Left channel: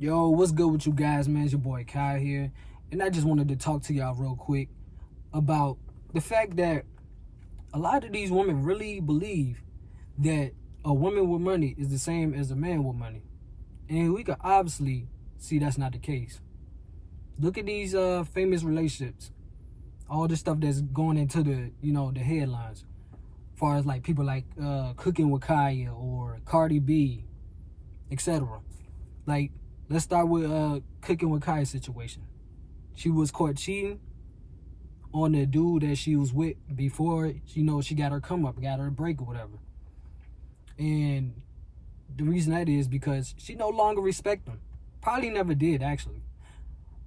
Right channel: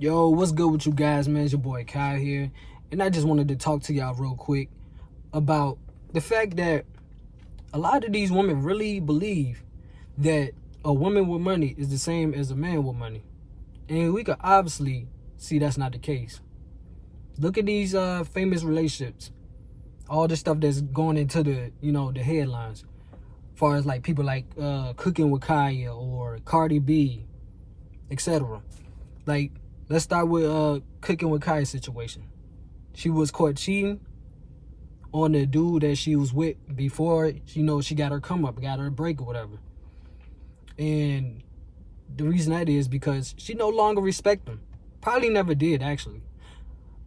Yo, what's good with you guys, man? It's your boy Kyle here. And I just wanted to talk to y'all real quick about the fact that a lot of these women really believe that a woman with money is the same as a man with money. And we can obviously see that's not the case. Look at these famous relationships. All the stuff that's going into the headlines. As far as like people like Cooking with Kaya or Cardi B, etc. Like, let's start with Cooking with Kaya's situation. She was caught cheating on the dude that she was with before she got her come up, got her break or whatever. And the reason that is because she no longer respect him. Probably never did actually.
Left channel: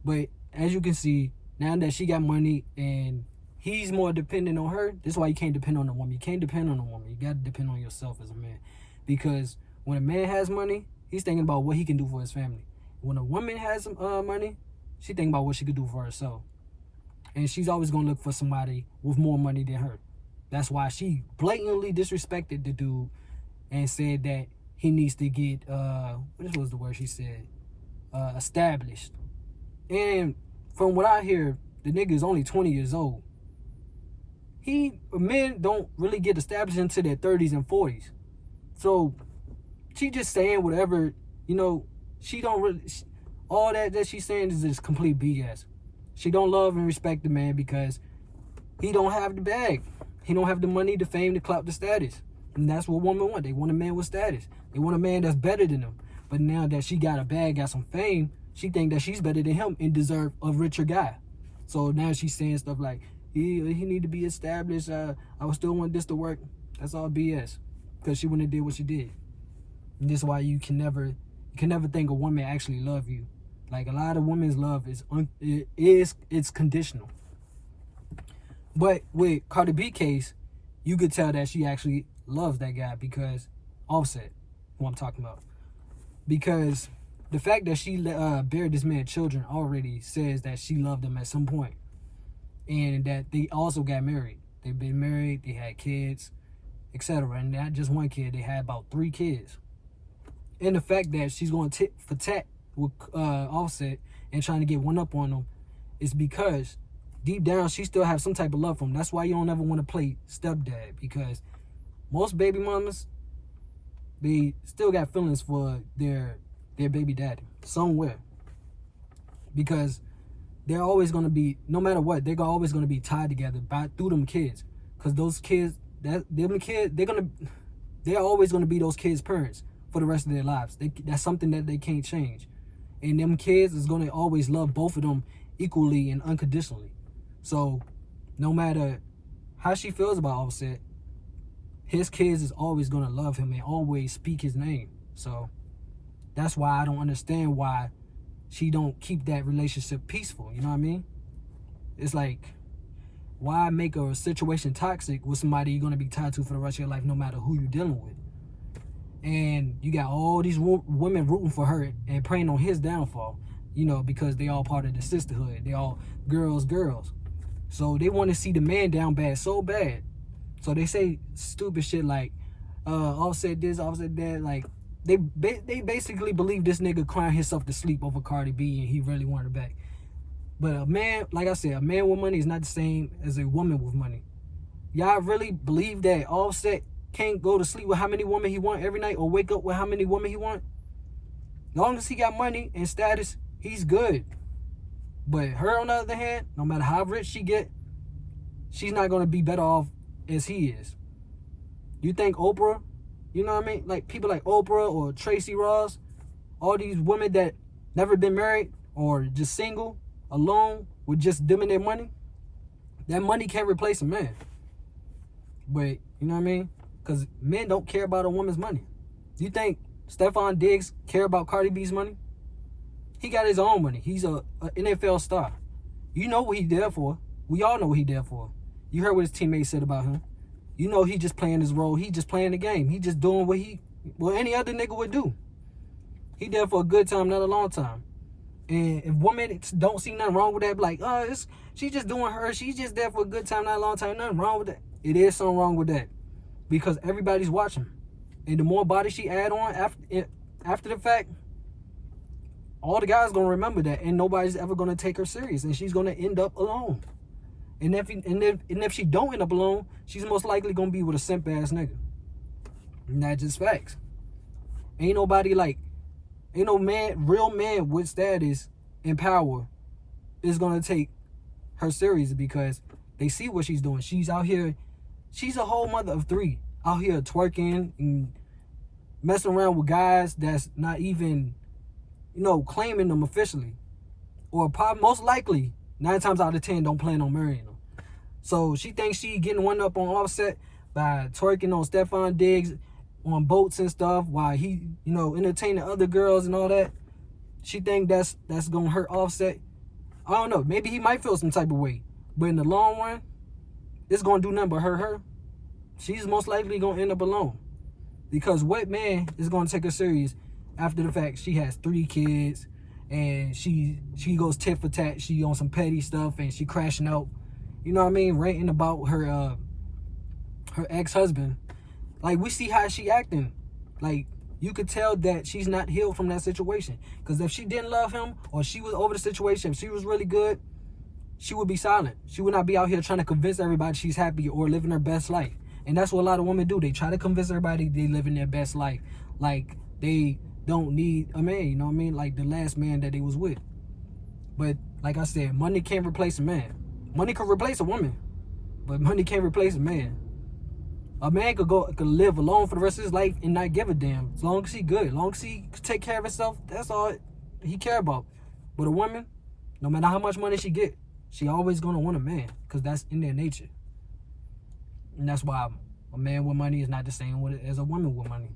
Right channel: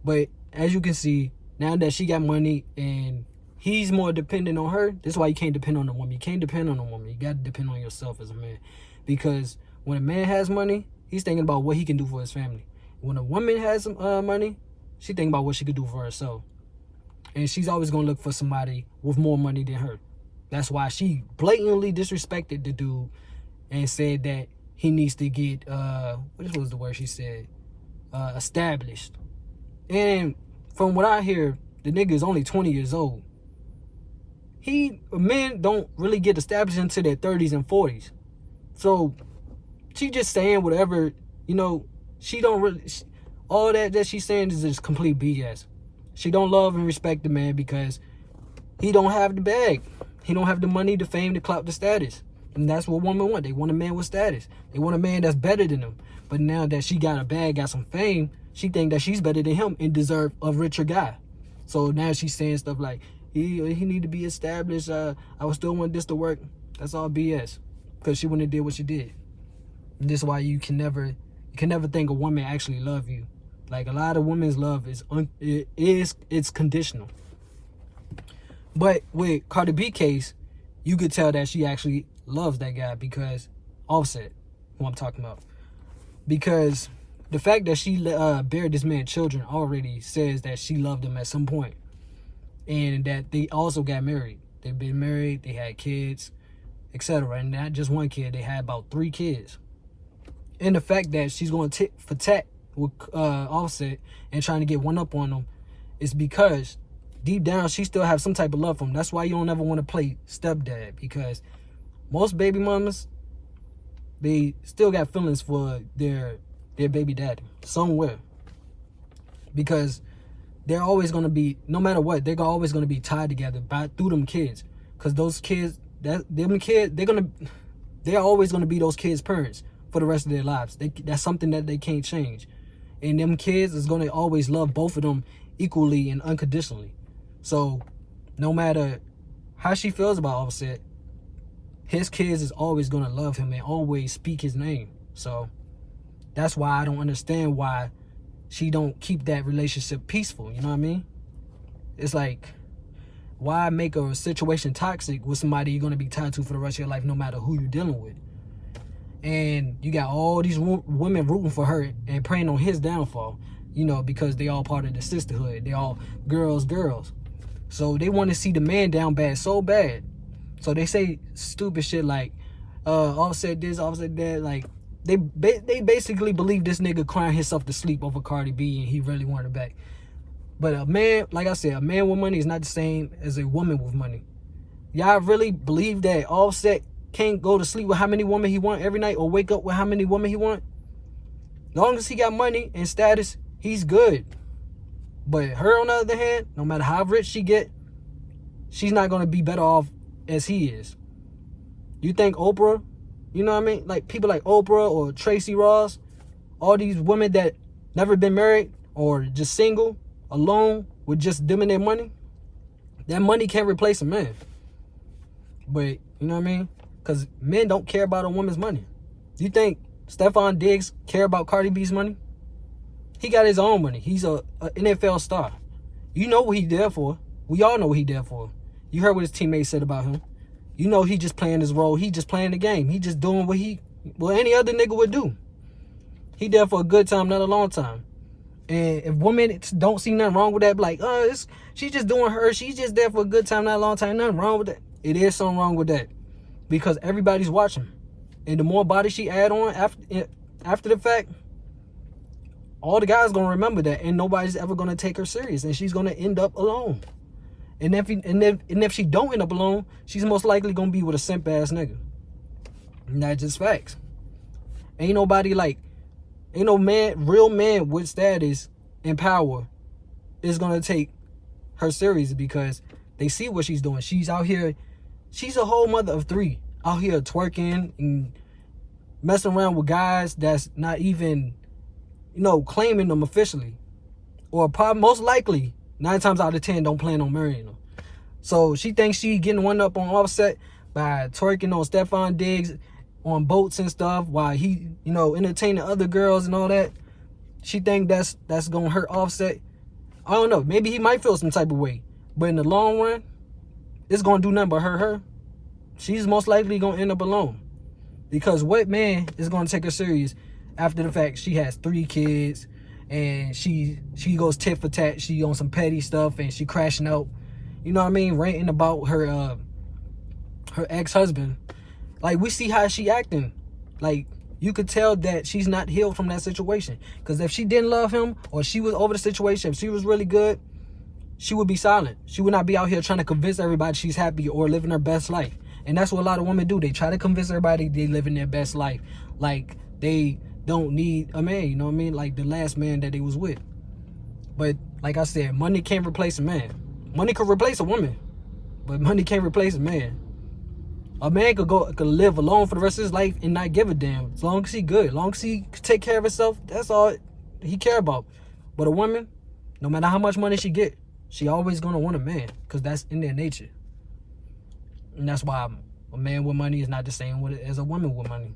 But as you can see, now that she got money and he's more dependent on her, this is why you can't depend on a woman. You can't depend on a woman. You got to depend on yourself as a man. Because when a man has money, he's thinking about what he can do for his family. When a woman has some money, she thinking about what she could do for herself. And she's always going to look for somebody with more money than her. That's why she blatantly disrespected the dude and said that he needs to get, what was the word she said? Established. And from what I hear, the nigga is only 20 years old. Men don't really get established into their 30s and 40s. So she just saying whatever, she don't really, all that she's saying is just complete BS. She don't love and respect the man because he don't have the bag. He don't have the money, the fame, the clout, the status. And that's what women want. They want a man with status. They want a man that's better than them. But now that she got a bag, got some fame, she think that she's better than him and deserve a richer guy. So now she's saying stuff like, he need to be established. I would still want this to work. That's all BS. Because she wouldn't have did what she did. And this is why you can never think a woman actually love you. Like, a lot of women's love it's conditional. But with Cardi B case, you could tell that she actually loves that guy because Offset, who I'm talking about. Because the fact that she bared this man children already says that she loved him at some point. And that they also got married. They've been married, they had kids, etc. And not just one kid, they had about 3 kids. And the fact that she's going tit for tat with Offset and trying to get one up on him is because deep down she still has some type of love for him. That's why you don't ever want to play stepdad, because most baby mamas, they still got feelings for their baby daddy somewhere, because they're always going to be, no matter what, they're always going to be tied together through them kids, because those kids, they're always going to be those kids' parents for the rest of their lives. That's something that they can't change. And them kids is going to always love both of them equally and unconditionally. So no matter how she feels about Offset, his kids is always going to love him and always speak his name. So that's why I don't understand why she don't keep that relationship peaceful. You know what I mean? It's like, why make a situation toxic with somebody you're going to be tied to for the rest of your life, no matter who you're dealing with? And you got all these women rooting for her and praying on his downfall, because they all part of the sisterhood. They all girls. So they want to see the man down bad, so bad. So they say stupid shit like, Offset this, Offset that. Like, they basically believe this nigga crying himself to sleep over Cardi B and he really wanted it back. But a man, like I said, a man with money is not the same as a woman with money. Y'all really believe that Offset can't go to sleep with how many women he want every night or wake up with how many women he want? As long as he got money and status, he's good. But her, on the other hand, no matter how rich she get, she's not going to be better off as he is. You think Oprah, you know what I mean? Like people like Oprah or Tracy Ross, all these women that never been married or just single, alone, with just them and their money, that money can't replace a man. But, you know what I mean? Because men don't care about a woman's money. You think Stephon Diggs care about Cardi B's money? He got his own money. He's a NFL star. You know what he there for. We all know what he there for. You heard what his teammates said about him. You know he just playing his role. He just playing the game. He just doing what any other nigga would do. He there for a good time, not a long time. And if women don't see nothing wrong with that, like, she's just doing her. She's just there for a good time, not a long time. Nothing wrong with that. It is something wrong with that. Because everybody's watching. And the more body she add on after the fact, all the guys gonna remember that, and nobody's ever gonna take her serious, and she's gonna end up alone. And if she don't end up alone, she's most likely gonna be with a simp ass nigga. And that's just facts. Ain't no real man with status and power is gonna take her serious, because they see what she's doing. She's out here, she's a whole mother of three, out here twerking and messing around with guys that's not even, claiming them officially, or probably most likely 9 times out of 10 don't plan on marrying them. So she thinks she getting one up on Offset by twerking on Stephon Diggs on boats and stuff while he, entertaining other girls and all that. She think that's gonna hurt Offset. I don't know. Maybe he might feel some type of way, but in the long run, it's gonna do nothing but hurt her. She's most likely gonna end up alone, because what man is gonna take her serious after the fact she has 3 kids and she goes tit for tat, she on some petty stuff, and she crashing out, ranting about her ex-husband. Like, we see how she acting. Like, you could tell that she's not healed from that situation. Because if she didn't love him, or she was over the situation, if she was really good, she would be silent. She would not be out here trying to convince everybody she's happy or living her best life. And that's what a lot of women do. They try to convince everybody they living their best life. Like, they don't need a man, like the last man that they was with. But like I said, money can't replace a man. Money could replace a woman, but money can't replace a man. A man could live alone for the rest of his life and not give a damn. As long as he good, as long as he take care of himself, that's all he care about. But a woman, no matter how much money she get, she always gonna want a man, because that's in their nature. And that's why a man with money is not the same as a woman with money.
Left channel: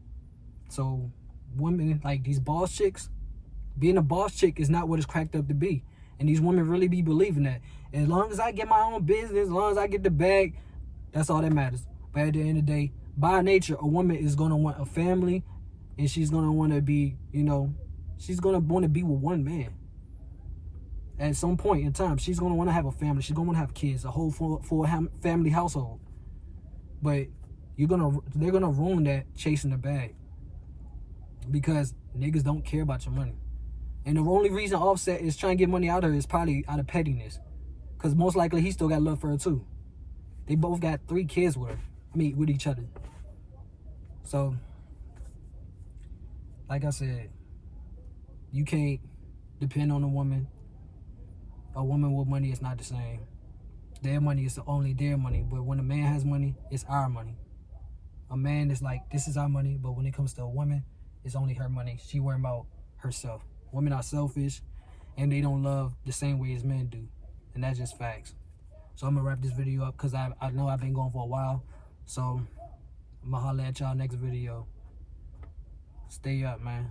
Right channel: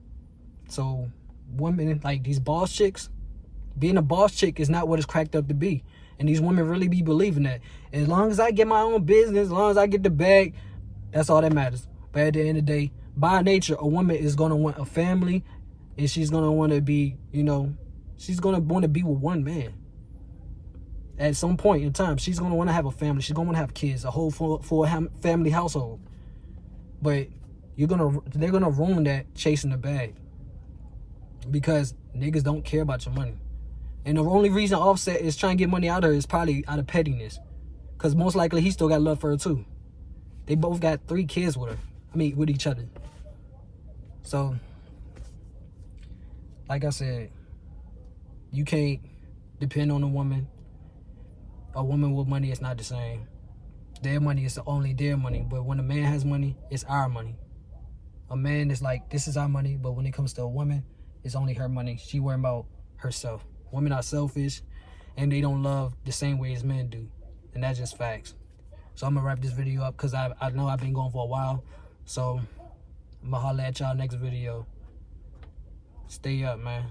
So women, like these boss chicks, being a boss chick is not what it's cracked up to be. And these women really be believing that. As long as I get my own business, as long as I get the bag, that's all that matters. But at the end of the day, by nature, a woman is going to want a family, and she's going to want to be, she's going to want to be with one man. At some point in time, she's going to want to have a family. She's going to want to have kids, a whole full family household. But they're going to ruin that chasing the bag, because niggas don't care about your money. And the only reason Offset is trying to get money out of her is probably out of pettiness, because most likely he still got love for her too. They both got 3 kids with her. With each other. So, like I said, you can't depend on a woman. A woman with money is not the same. Their money is only their money. But when a man has money, it's our money. A man is like, this is our money. But when it comes to a woman, it's only her money. She worrying about herself. Women are selfish, and they don't love the same way as men do. And that's just facts. So I'm going to wrap this video up, because I know I've been going for a while. So I'm going to holler at y'all next video. Stay up, man.